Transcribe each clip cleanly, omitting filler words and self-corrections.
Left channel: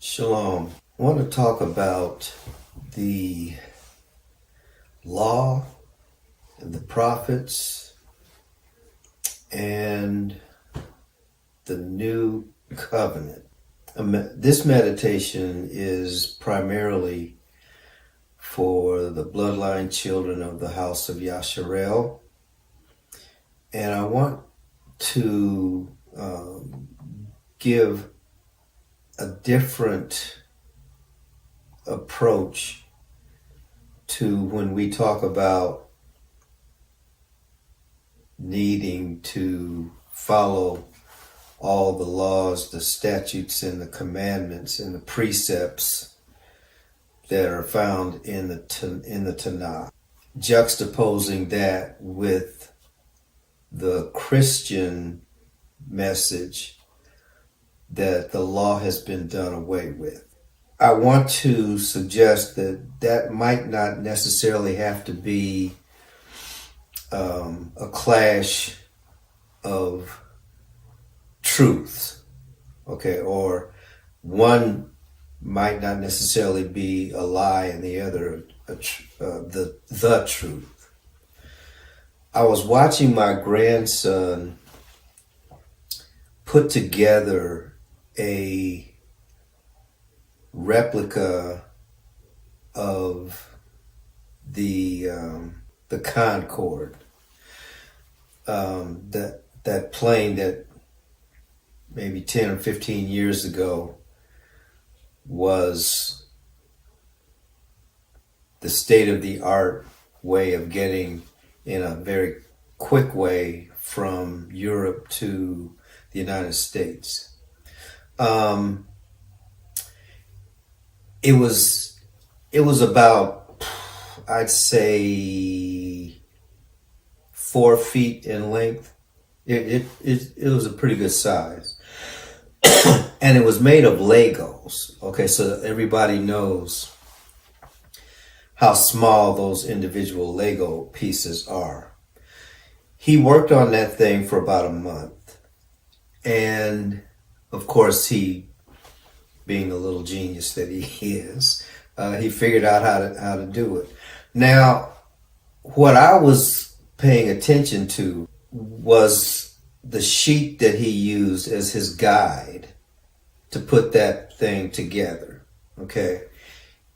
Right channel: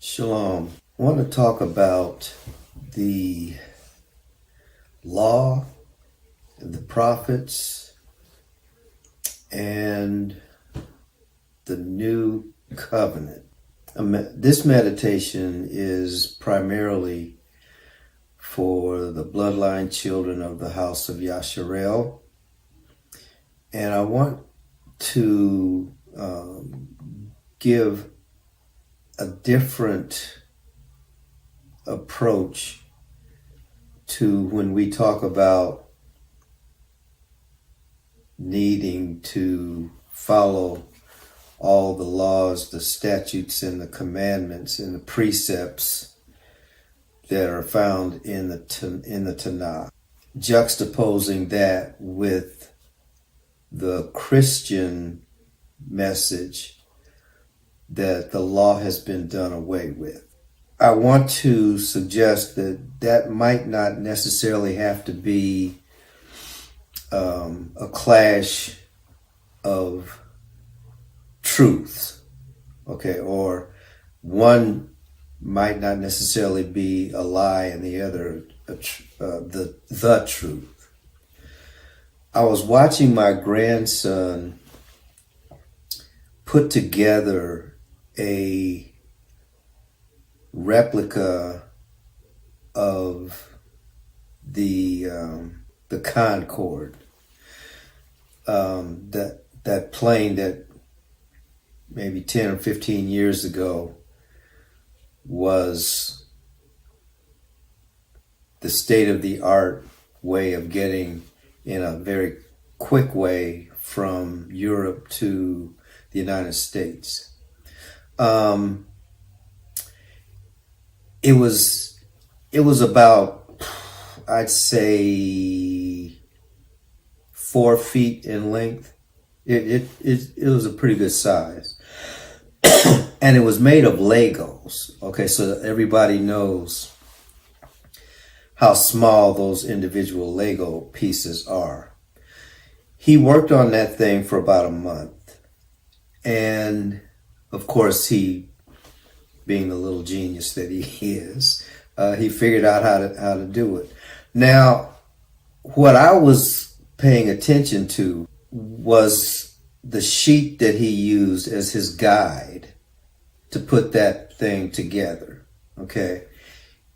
Shalom. I want to talk about the law, the prophets, and the new covenant. This meditation is primarily for the bloodline children of the house of Yasharel. And I want to give a different approach to when we talk about needing to follow all the laws, the statutes, and the commandments and the precepts that are found in the Tanakh, juxtaposing that with the Christian message that the law has been done away with. I want to suggest that that might not necessarily have to be a clash of truths, okay, or one might not necessarily be a lie and the other the truth. I was watching my grandson put together a replica of the Concorde, that plane that maybe 10 or 15 years ago was the state-of-the-art way of getting in a very quick way from Europe to the United States. It was about, I'd say, 4 feet in length. It was a pretty good size. And it was made of Legos. Okay, so that everybody knows how small those individual Lego pieces are. He worked on that thing for about a month. And of course, he, being the little genius that he is, he figured out how to do it. Now, what I was paying attention to was the sheet that he used as his guide to put that thing together. Okay,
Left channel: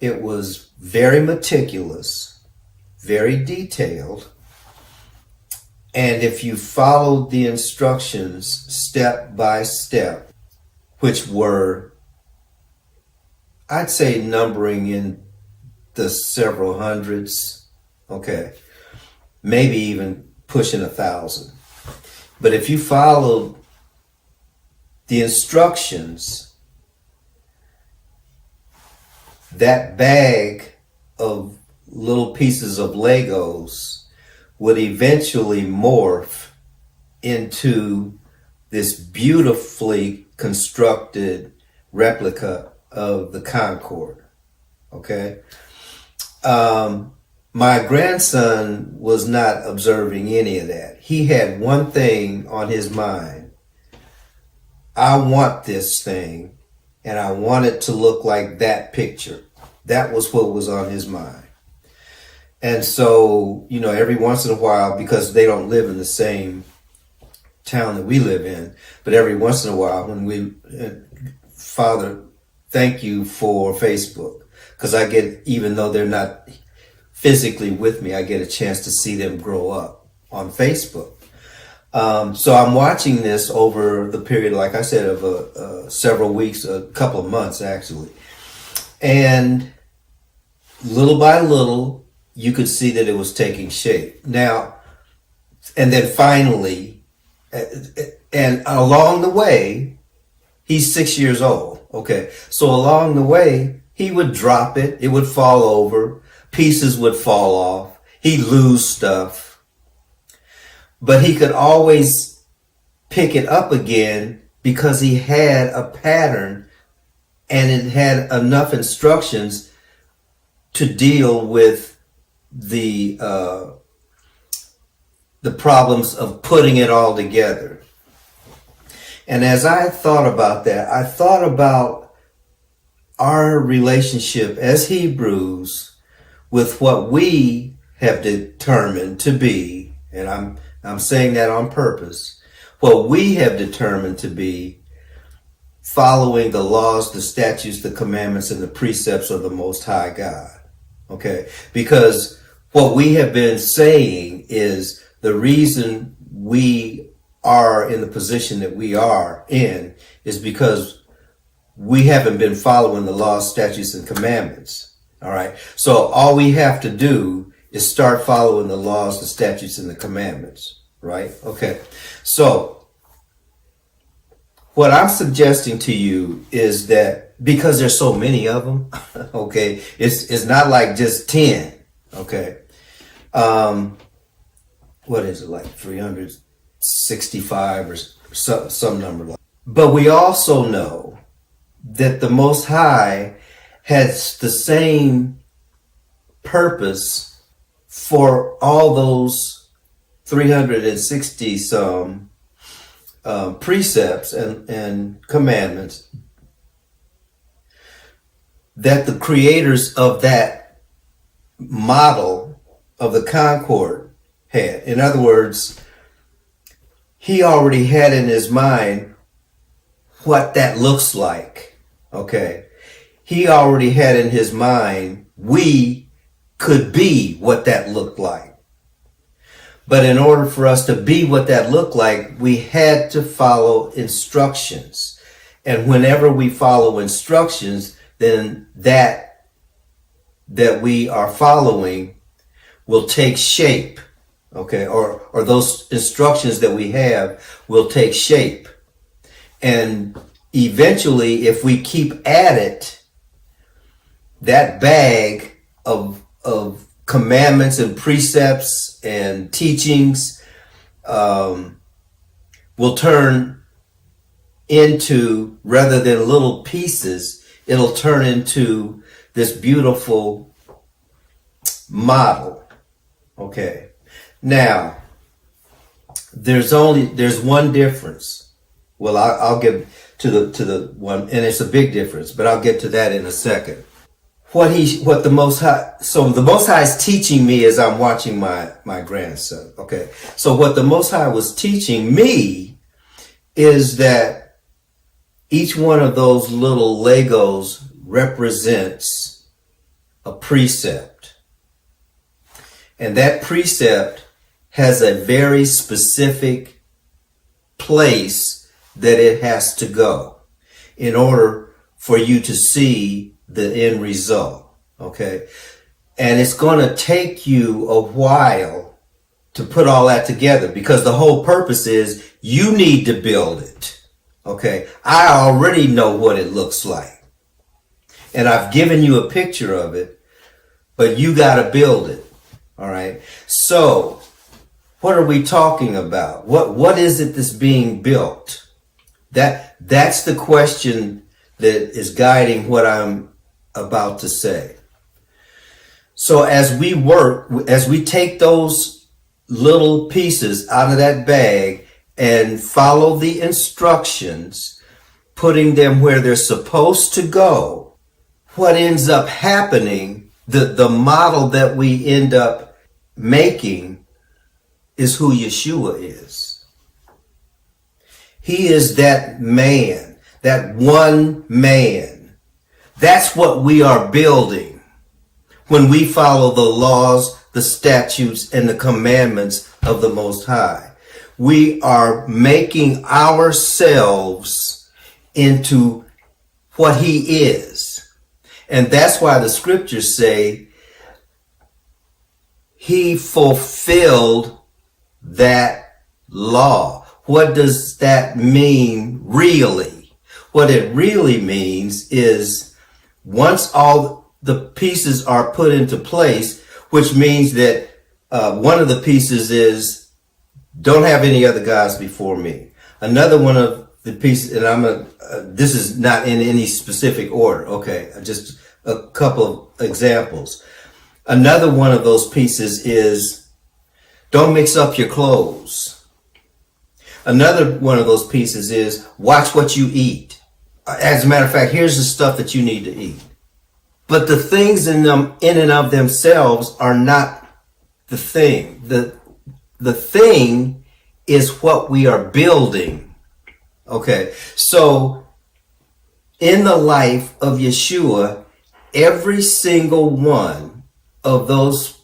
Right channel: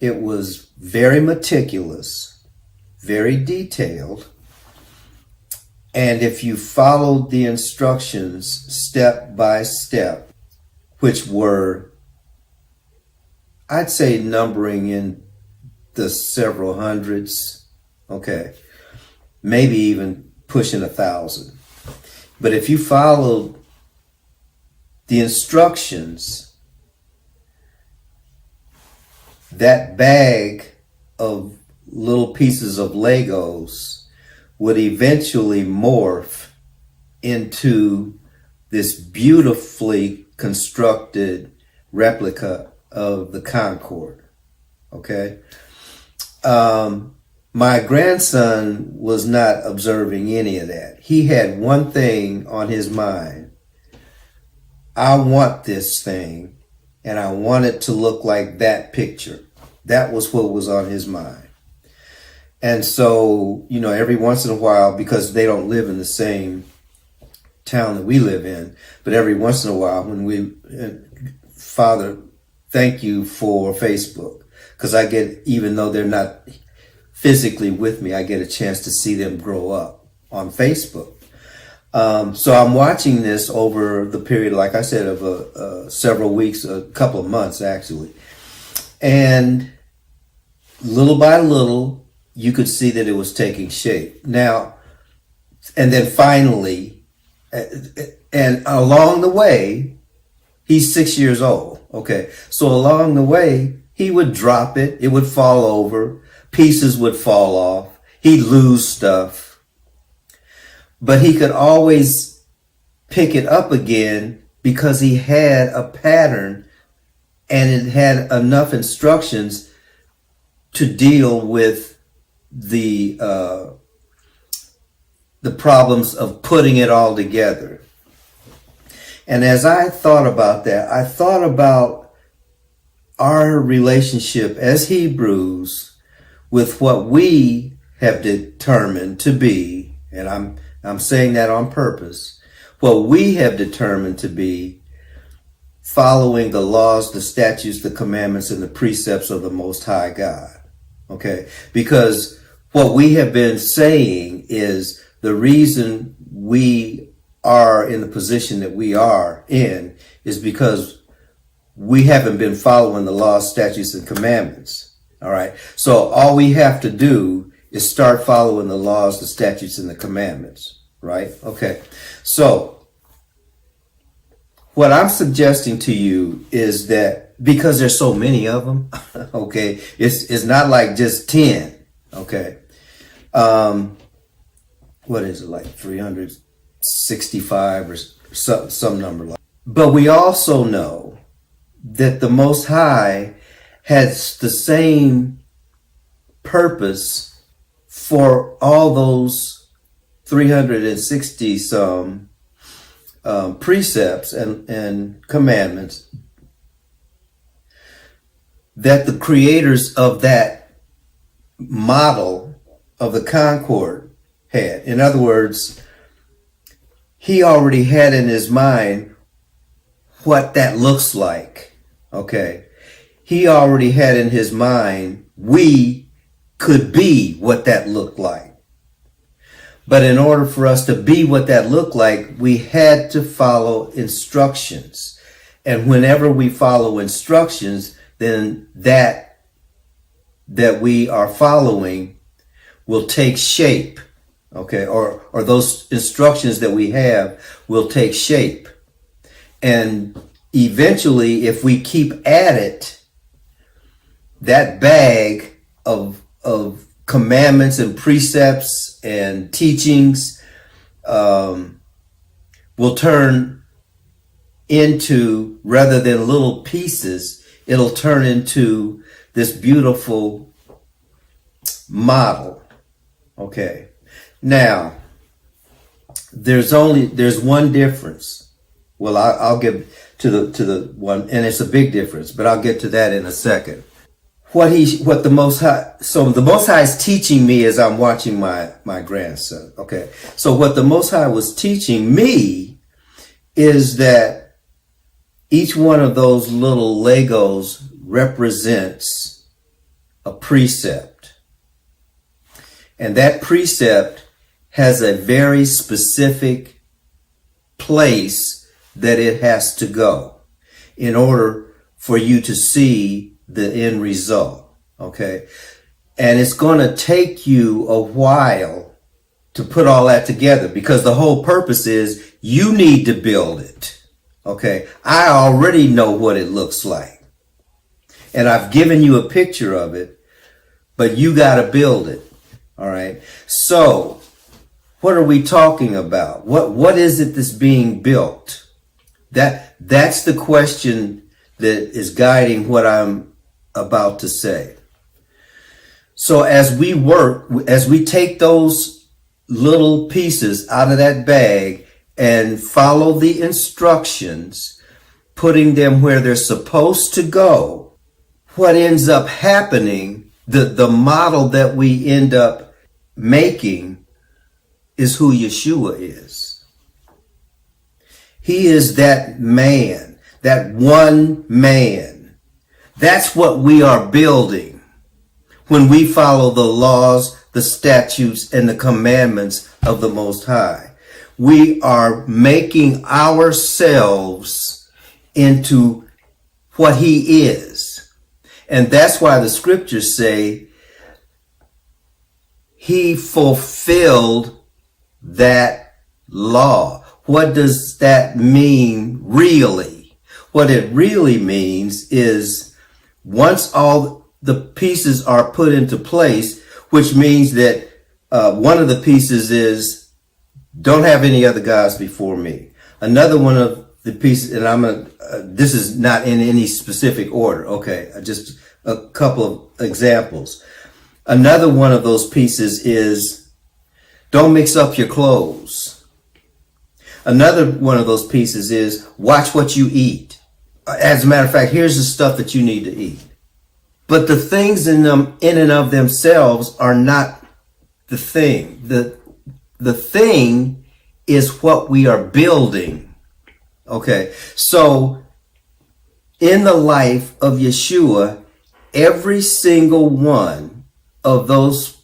it was very meticulous, very detailed, and if you followed the instructions step by step, which were, I'd say, numbering in the several hundreds, okay, maybe even pushing 1,000. But if you followed the instructions, that bag of little pieces of Legos would eventually morph into this beautifully constructed replica of the Concorde. Okay. My grandson was not observing any of that. He had one thing on his mind. I want this thing, and I want it to look like that picture. That was what was on his mind. And so, every once in a while, because they don't live in the same town that we live in, but every once in a while when Father, thank you for Facebook, because I get, even though they're not physically with me, I get a chance to see them grow up on Facebook. So I'm watching this over the period, like I said, of several weeks, a couple of months actually. And little by little, you could see that it was taking shape. Now, and then finally, and along the way, he's 6 years old. Okay. So along the way, he would drop it. It would fall over. Pieces would fall off. He'd lose stuff. But he could always pick it up again because he had a pattern and it had enough instructions to deal with the problems of putting it all together. And as I thought about that, I thought about our relationship as Hebrews with what we have determined to be, and I'm saying that on purpose, what we have determined to be following the laws, the statutes, the commandments, and the precepts of the Most High God. Okay? Because what we have been saying is the reason we are in the position that we are in is because we haven't been following the laws, statutes, and commandments. All right. So all we have to do is start following the laws, the statutes, and the commandments. Right. Okay. So what I'm suggesting to you is that because there's so many of them, okay, it's not like just 10. Okay. What is it, like 365 or some number like that. But we also know that the Most High has the same purpose for all those 360 some precepts and commandments that the creators of that model of the Concord had. In other words, he already had in his mind what that looks like. Okay. He already had in his mind we could be what that looked like. But in order for us to be what that looked like, we had to follow instructions. And whenever we follow instructions, then that we are following will take shape. Okay, or those instructions that we have will take shape. And eventually, if we keep at it, that bag of commandments and precepts and teachings will turn into, rather than little pieces, it'll turn into this beautiful model. Okay. Now, there's one difference. Well, I'll get to the one, and it's a big difference, but I'll get to that in a second. What the Most High, so the Most High is teaching me as I'm watching my grandson. Okay. So what the Most High was teaching me is that each one of those little Legos represents a precept. And that precept has a very specific place that it has to go in order for you to see the end result. Okay. And it's going to take you a while to put all that together because the whole purpose is you need to build it. Okay. I already know what it looks like and I've given you a picture of it, but you got to build it. All right. So what are we talking about? What is it that's being built? That's the question that is guiding what I'm about to say. So as we take those little pieces out of that bag and follow the instructions, putting them where they're supposed to go, what ends up happening, the model that we end up making is who Yeshua is. He is that man, that one man. That's what we are building when we follow the laws, the statutes, and the commandments of the Most High. We are making ourselves into what he is. And that's why the scriptures say he fulfilled that law. What does that mean really? What it really means is once all the pieces are put into place, which means that one of the pieces is don't have any other gods before me. Another one of the pieces, and this is not in any specific order. Okay. Just a couple of examples. Another one of those pieces is don't mix up your clothes. Another one of those pieces is watch what you eat. As a matter of fact, here's the stuff that you need to eat. But the things in them, in and of themselves, are not the thing. The thing is what we are building. Okay, so in the life of Yeshua, every single one of those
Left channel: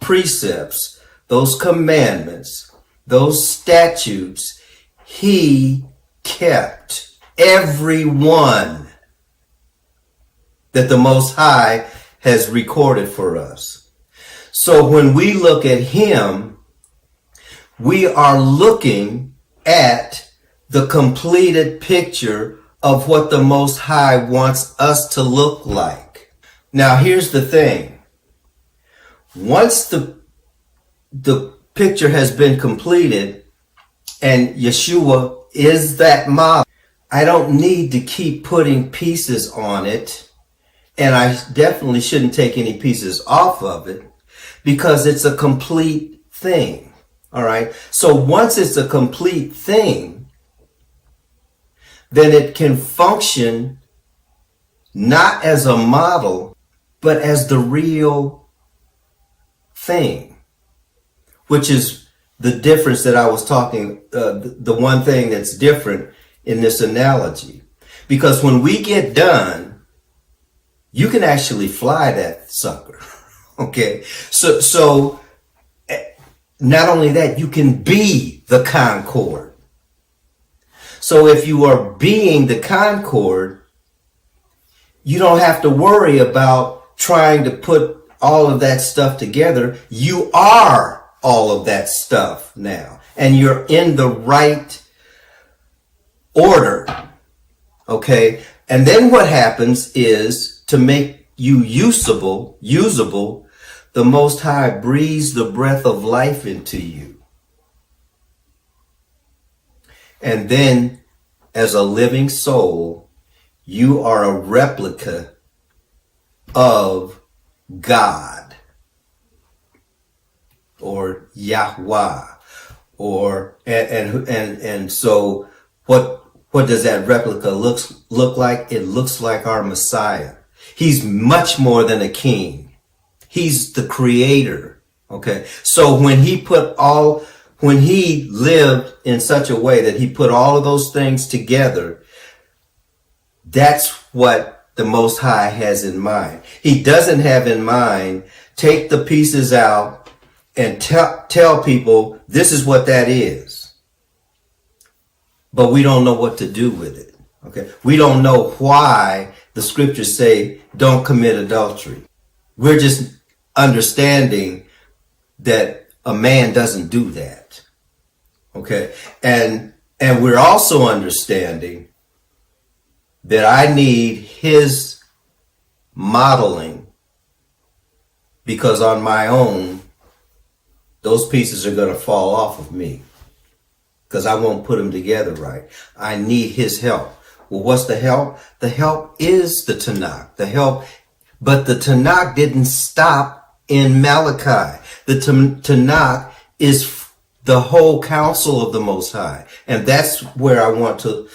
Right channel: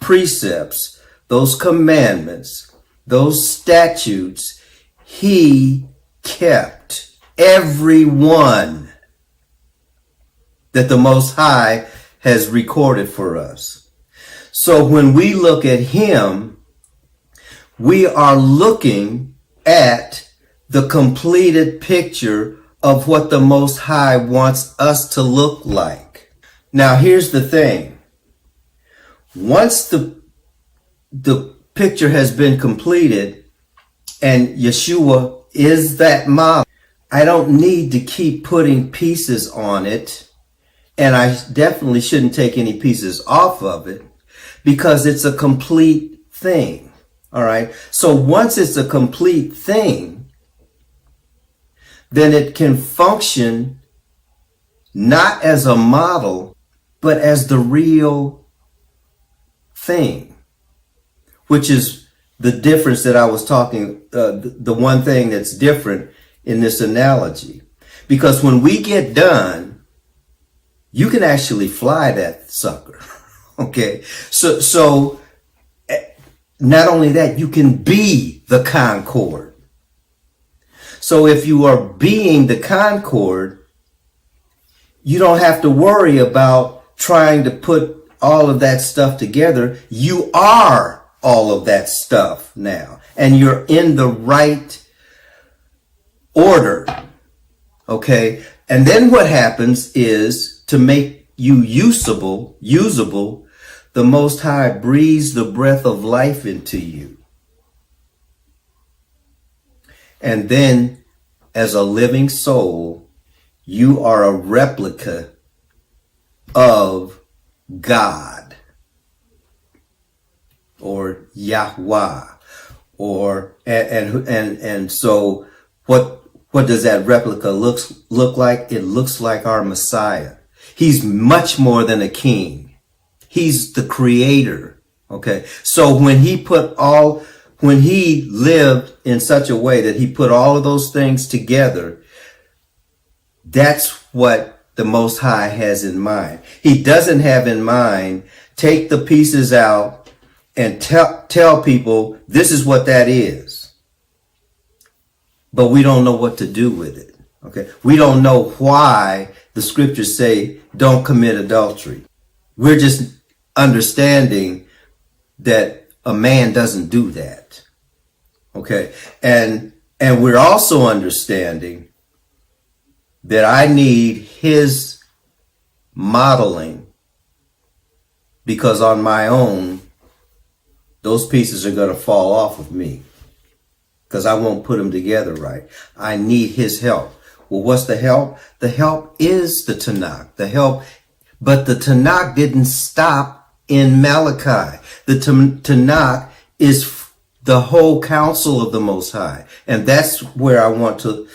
precepts, those commandments, those statutes, he kept. Every one that the Most High has recorded for us. So when we look at him, we are looking at the completed picture of what the Most High wants us to look like. Now, here's the thing. Once the picture has been completed and Yeshua is that model, I don't need to keep putting pieces on it, and I definitely shouldn't take any pieces off of it because it's a complete thing. All right. So once it's a complete thing, then it can function not as a model, but as the real thing, which is the difference that I was talking, the one thing that's different in this analogy. Because when we get done, you can actually fly that sucker. Okay. So not only that, you can be the Concord. So if you are being the Concord, you don't have to worry about trying to put all of that stuff together. You are all of that stuff now, and you're in the right order. Okay. And then what happens is, to make you usable, the Most High breathes the breath of life into you. And then as a living soul, you are a replica of God or Yahweh, or and so what does that replica look like? It looks like our Messiah. He's much more than a king. He's the creator. Okay. So when he lived in such a way that he put all of those things together, that's what the Most High has in mind. He doesn't have in mind, take the pieces out and tell people this is what that is. But we don't know what to do with it. Okay. We don't know why the scriptures say don't commit adultery. We're just understanding that a man doesn't do that. Okay. And we're also understanding that I need his modeling, because on my own, those pieces are going to fall off of me because I won't put them together right. I need his help. Well, what's the help? The help is the Tanakh. But the Tanakh didn't stop in Malachi. The Tanakh is the whole counsel of the Most High. And that's where I want to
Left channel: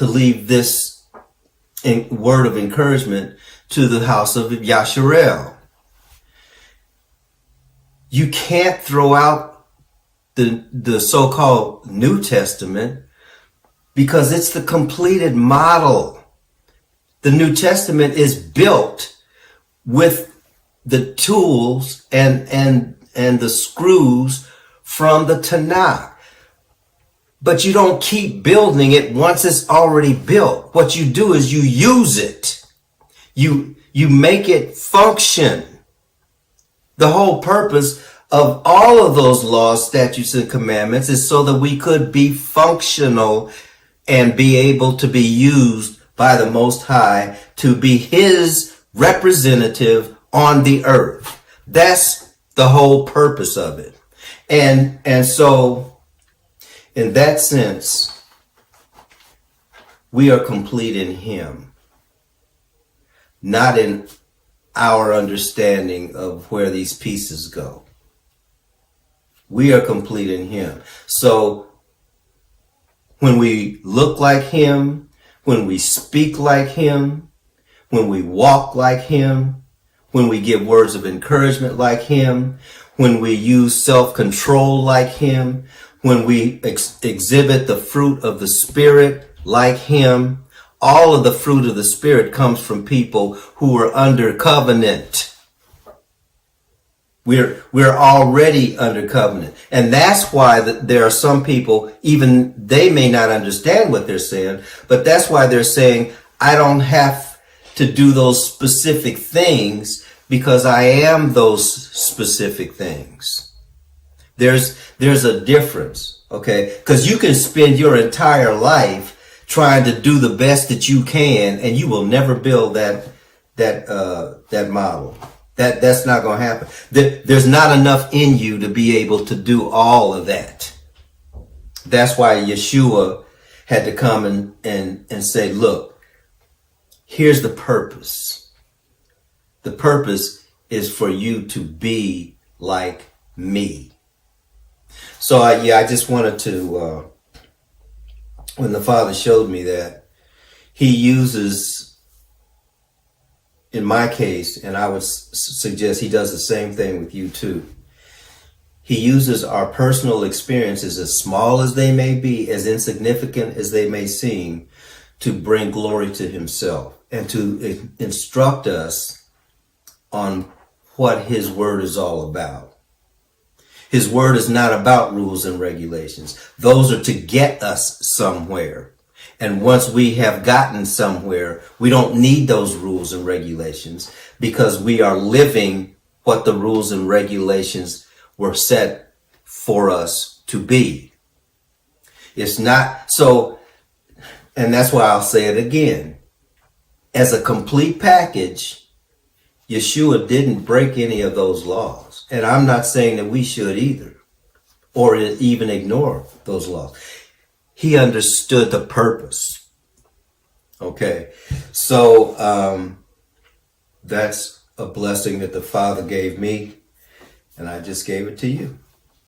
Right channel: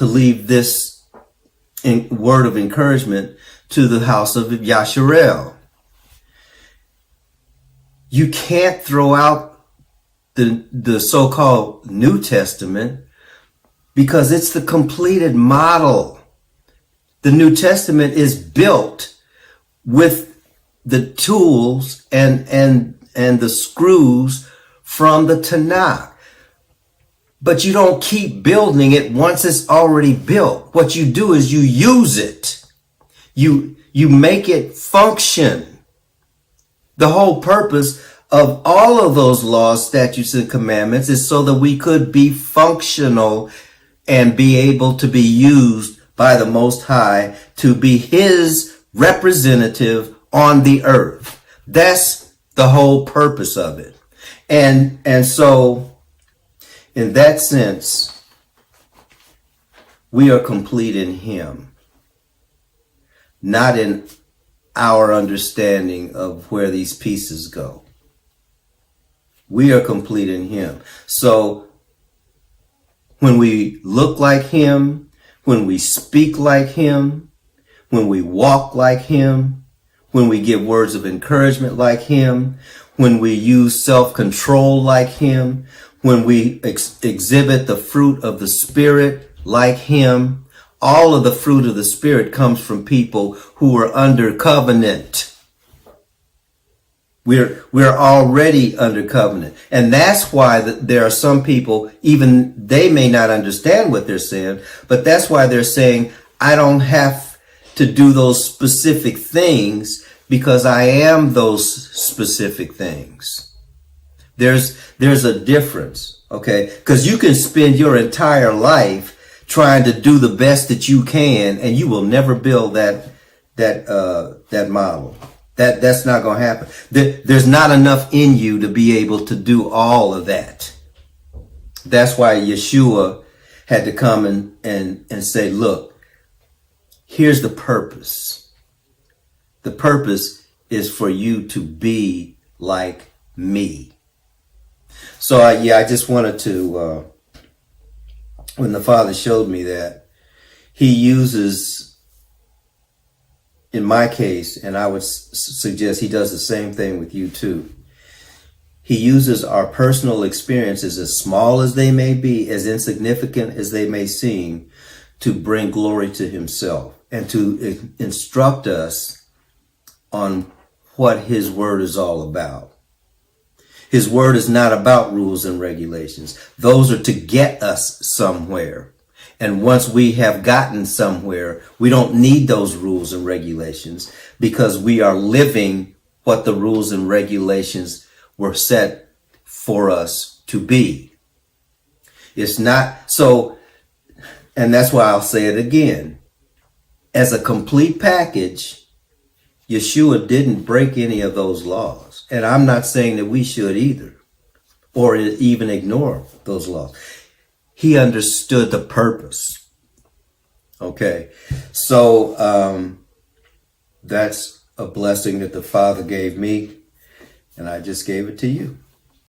leave this word of encouragement to the house of Yasharel. You can't throw out the so-called New Testament because it's the completed model. The New Testament is built with the tools and the screws from the Tanakh. But you don't keep building it once it's already built. What you do is you use it. You make it function. The whole purpose of all of those laws, statutes, and commandments is so that we could be functional and be able to be used by the Most High to be his representative on the earth. That's the whole purpose of it. And so in that sense, we are complete in him, not in our understanding of where these pieces go. We are complete in him. So when we look like him, when we speak like him, when we walk like him, when we give words of encouragement like him, when we use self-control like him, when we exhibit the fruit of the Spirit like him. All of the fruit of the Spirit comes from people who are under covenant. We're already under covenant. And that's why there are some people, even they may not understand what they're saying, but that's why they're saying, I don't have to do those specific things because I am those specific things. There's a difference, okay? Because you can spend your entire life trying to do the best that you can, and you will never build that model. That's not going to happen. There's not enough in you to be able to do all of that. That's why Yeshua had to come and say, look, here's the purpose. The purpose is for you to be like me. So I just wanted to, when the Father showed me that, he uses, in my case, and I would suggest he does the same thing with you too. He uses our personal experiences, as small as they may be, as insignificant as they may seem, to bring glory to himself and to instruct us on what his word is all about. His word is not about rules and regulations. Those are to get us somewhere. And once we have gotten somewhere, we don't need those rules and regulations because we are living what the rules and regulations were set for us to be. It's not so, and that's why I'll say it again. As a complete package, Yeshua didn't break any of those laws. And I'm not saying that we should either, or even ignore those laws. He understood the purpose. Okay. So, that's a blessing that the Father gave me, and I just gave it to you.